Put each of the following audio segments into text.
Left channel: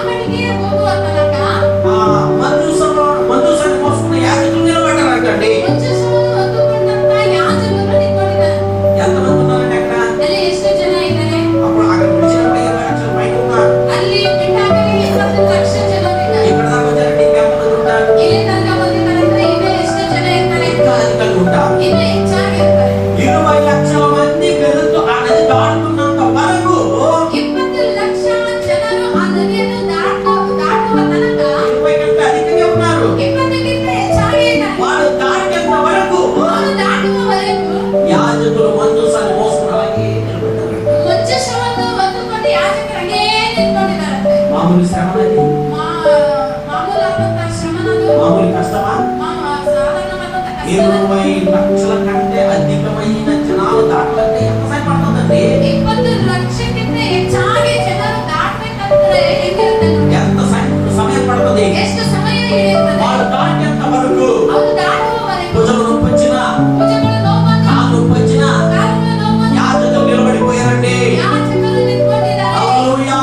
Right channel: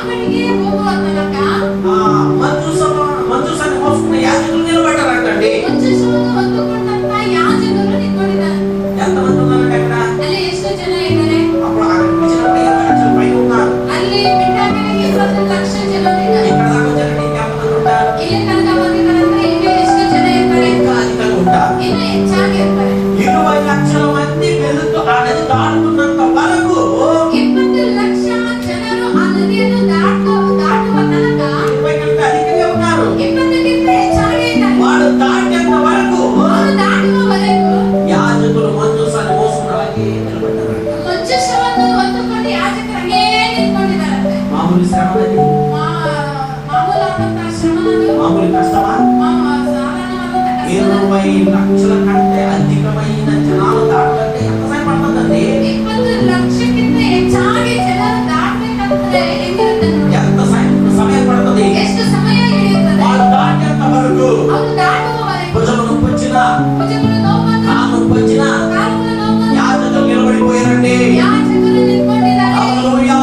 ಅಕ್ಕನಿಗೆ ಹೋಗುವ ತನಕ ಮಂಜೂಷನ್ನು ಮೋಸುకున్న యాజకులు నిలబడ్డారంటండి. ಮಂಜೂಷವನ್ನು ಹೊತ್ತುಕೊಂಡಂತ ಯಾಜಕರು ನಿಂತ್ಕೊಂಡಿದ್ದಾರೆ. ఎంతమంది ఉన్నారండి అక్కడ? ಅಲ್ಲಿ ಎಷ್ಟು ಜನ ಇದ್ದಾರೆ? అప్పుడు అక్కడ పిలిచినప్పుడు 20 లక్షల పైన ఉన్నారు. ಅಲ್ಲಿ ಬಿಟ್ಟಾಗಲೇ 20 ಲಕ್ಷ ಜನರು ಇದ್ದಾರೆ. ఇక్కడ దాకా వచ్చారంటే ఇంకెంతమంది ఉంటారు? ಇಲ್ಲಿ ತನಕ ಬಂದಿದ್ದಾರೆ ಇನ್ನೂ ಎಷ್ಟು ಜನ ಇರ್ತಾರೆ? ఇంకా అధికంగా ఉంటారు. ಇನ್ನೂ ಹೆಚ್ಚಾಗಿ ಇರ್ತಾರೆ. 20 లక్షల మంది పెరుగుతూ ఆ నది దాటుతున్నంత వరకు 20 లక్ష ಜನರು ಆ ನದಿಯನ್ನು ದಾಟುವ ತನಕ 20 కంటే అధికంగా ఉన్నారు. 20 ಗಿಂತ ಹೆಚ್ಚಾಗಿ ಇದ್ದಾರೆ. వాడు దాటేంత వరకు ಅವರು ದಾಟುವವರೆಗೂ యాజకులు మంజూషాన్ని మోసుకుని అలాగే నిలబడ్డారు. ಮಂಜೂಷವನ್ನು ಹೊತ್ತುಕೊಂಡು ಯಾಜಕರಾಗೇ ನಿಂತ್ಕೊಂಡಿದ್ದಾರಂತೆ. మామూలు శ్రమ అది, ಮಾಮೂಲಾದಂತಹ ಶ್ರಮನದು, మామూలు కష్టమా? ಸಾಧಾರಣವಾದಂತಹ ಕಷ್ಟ. 20 లక్షల కంటే అధికమైన జనాలు దాటాలంటే ఎంత సమయం పడుతుందండి? 20 లక్షಕ್ಕಿಂತ ಹೆಚ್ಚಾಗಿ ಜನರು ದಾಟಬೇಕಂದ್ರೆ ಹೆಂಗಿರುತ್ತೆ ನೋಡಿ. ఎంత సమయం పడుతుంది? ಎಷ್ಟು ಸಮಯ ಹಿಡಿಯುತ್ತದೆ? వాడు దాటేంత వరకు ಅವರು ದಾಟುವವರೆಗೂ భుజము నొప్పి వచ్చినా, ಭುಜಗಳು ನೋವಂದ್ರೆ, కాలు నొప్పి వచ్చినా ಕಾಲುಗಳು ನೋವಂದ್ರೆ యాజకులు నిలబడిపోయారండి. ಯಾಜಕರು ನಿಂತ್ಕೊಂಡಿದ್ದಾರೆ. హల్లెలూయా.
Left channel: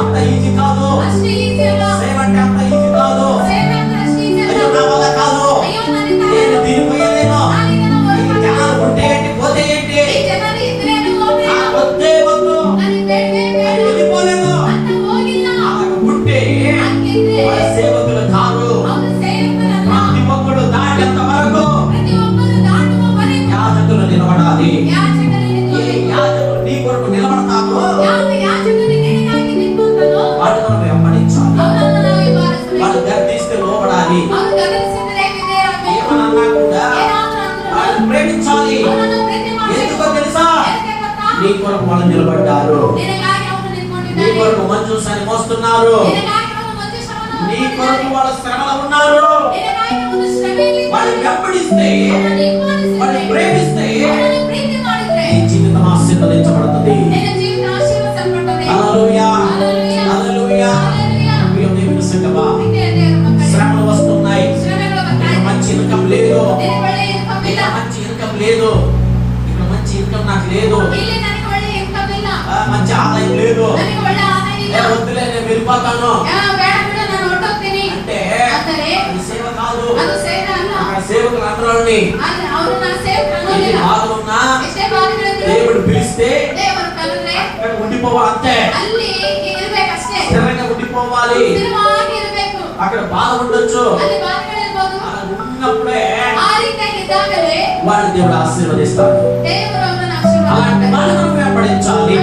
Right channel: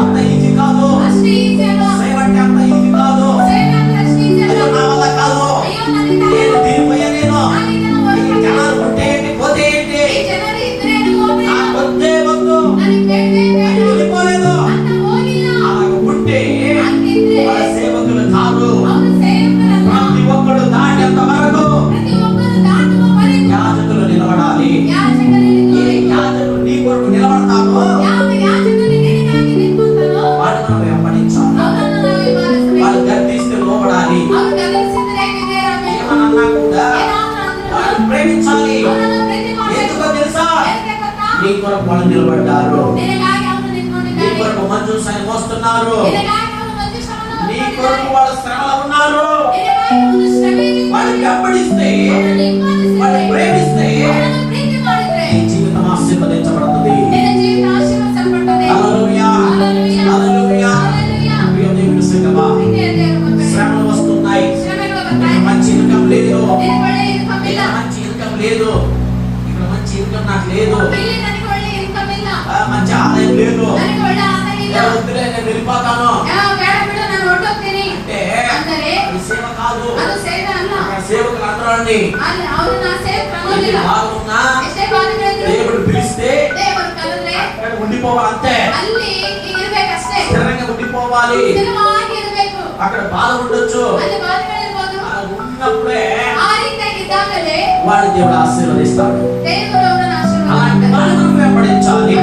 అంత ఈజీ కాదు. ಅಷ್ಟು ಈಸಿ ಅಲ್ಲ. సేవ అంటే అంత ఈజీ కాదు. ಸೇವೆ ಅಂದ್ರೆ ಅಷ್ಟು ಈಸಿ ಅಲ್ಲ. అయ్యో నా వల్ల కాదు, ಅಯ್ಯೋ ನನ್ನಿಂದ నేను దీని పోయలేను, ನಾನು ಇದನ್ನು ఈ ಹೊರಗೆ జనాలు ఉంటే ఏంటి పోతే ఏంటి, ಈ ಜನರು ಇದ್ರೇನು ಹೋಗ್ಬೇಡ. నాకు వద్దే వద్దు, ನನಗೆ ಬೇಡವೇ ಬೇಡ అని వెళ్ళిపోలేను. ಅಂತ ಹೋಗಿಲ್ಲ. అలాగ ఉంటే ಹಂಗಿದ್ರೆ వాళ్ళ సేవకులు కాదు. ಅವರು ಸೇವಕರಲ್ಲ. ప్రతి ఒక్కడు దాటేంత వరకు ಪ್ರತಿಯೊಬ್ಬರು ದಾಟುವವರೆಗೂ యాజకులు నిలబడాలి. ಯಾಜಕರು ఏ ನಿಂತ್ಕೊಳ್ಳಿ. యాజకులు నీ కొరకు నిలబడతారో ಯಾವ ಯಾಜಕರು ನಿನಗಾಗಿ ನಿಂತ್ಕೊಂತಾನೋ వాడు మనం వెంబడించాలి. ಅವರನ್ನು ನಾವು ಹಿಂಬಾಲಿಸಬೇಕು. వాడు గద్దిస్తే లోబడాలి. ಅವರು ಗದರಿಸಿದರೆ ವಿಧೇಯರಾಗಬೇಕು. ఏమన్నా కూడా ಏನಾದರೂ ಅಂದ್ರು వాడిని ప్రేమించాలి. ಅವರನ್ನು ಪ್ರೀತಿ ಮಾಡಬೇಕು. ఎందుకో తెలుసా? ಯಾಕೆ ಗೊತ್ತಾ? నీ కొరకు వాళ్ళు నిలబడ్డారు. ನಿನಗಾಗಿ ಅವರು నీ ನಿಂತ್ಕೊಂಡಿದ್ದಾರೆ. కొరకు మంజూషాన్ని మోస్తున్నారు. ನಿನಗಾಗಿ ಅವರು ಮಂಜೂಷವನ್ನು నీ కొరకు వాళ్ళ శ్రమలో ఉన్నారు. ನಿನಗಾಗಿ ಅವರು ಶ್ರಮೆಯಲ್ಲಿ వాళ్ళని వెంబడిస్తే, ಅವರನ್ನು ಹಿಂಬಾಲಿಸಿದರೆ, వాళ్ళని ప్రేమిస్తే ಅವರನ್ನು ಪ್ರೀತಿ ಮಾಡಿದ್ರೆ నీ జీవితం ఆశీర్వదించబడుతుంది. ನಿನ್ನ ಜೀವಿತ ಆಶೀರ್ವದಿಸಲ್ಪಡುತ್ತದೆ. హల్లెలూయా. హల్లెలూయా. హల్లెలూయా. హల్లెలూయా. ప్రియ దేవుని సంగమా, ಇದೆ ದೇವರ ಮಕ್ಕಳೇ. శ్రమలు వస్తున్నాయి. ಶ್ರಮೆಗಳು ఇక్కడ ಬರ್ತಾయి. మంచి ఇన్కమ్ లేదు, ನಿನಗೆ ಒಳ್ಳೆ ಇನ್ಕಮ್ ಇಲ್ಲ. ఇక్కడ మంచి ఇన్కమ్ లేదు, ఇక్కడ మంచి ఇన్కమ్ నాకు లేదు, ಇಲ್ಲಿ ನನಗೆ ಒಳ್ಳೆ ಇನ್ಕಮ್ ಇಲ್ಲ. మంచి ఆదాయం లేదు, ನನಗೆ ಒಳ್ಳೆ ಆದಾಯ ಇಲ್ಲ. వద్దులే నేను వెళ్ళిపోతాను ಬೇಡ ಬಿಡು ನಾನು ಹೊರಟೋಗ್ತೀನಿ అంటే ಅಂದರೆ అది సేవ కాదు. ಅದು ಸೇವೆ ಅಲ್ಲ. అక్కడ సేవకులు అందరూని ಅವರು ನಾ ಸೇವಕರು ಅನ್ನೋದಿಲ್ಲ. భాగమున్నా ಎಷ್ಟೇ ಬಾರಿಗಳಿದ್ರು దేవుడు పిలిస్తే ದೇವರು ಕರೆದ್ರೆ అక్కడ ఉండిపోవాలి, అంతే. ಅಲ್ಲಿ ಇರ್ಬೇಕಷ್ಟೇ. స్థిరంగా ఉండిపోవాలి. ಸ್ಥಿರವಾಗಿ ಇರಬೇಕು. అక్కడ బాధ ఉండొచ్చు, ಅಲ್ಲಿ ಬಾರಿಗಳಿರ್ಬೋದು. అలా ఉన్నప్పుడే ಆ ರೀತಿಯಾಗಿ ಇದ್ದಾಗಲೇ వాడి దేవుడు ఆశీర్వదిస్తాడు. ದೇವರು ಅವರನ್ನು అలాంటి ಆಶೀರ್ವಾದ వాళ్ళ కొరకు వెంబడించాలి.